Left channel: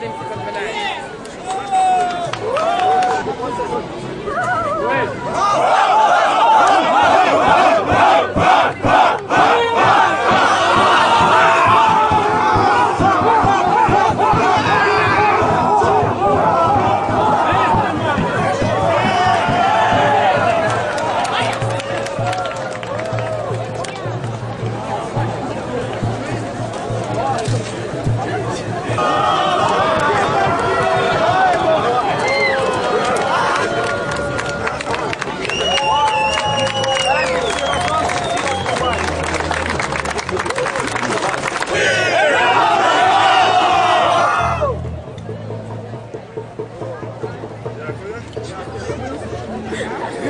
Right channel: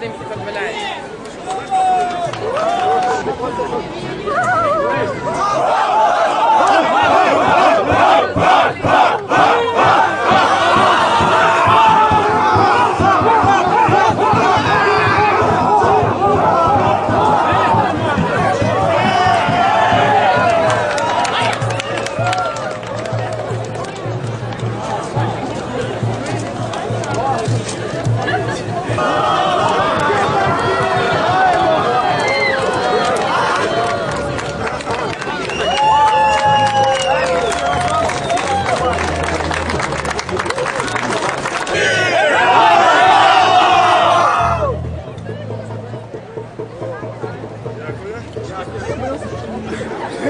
تمشي في البلاعب Oh!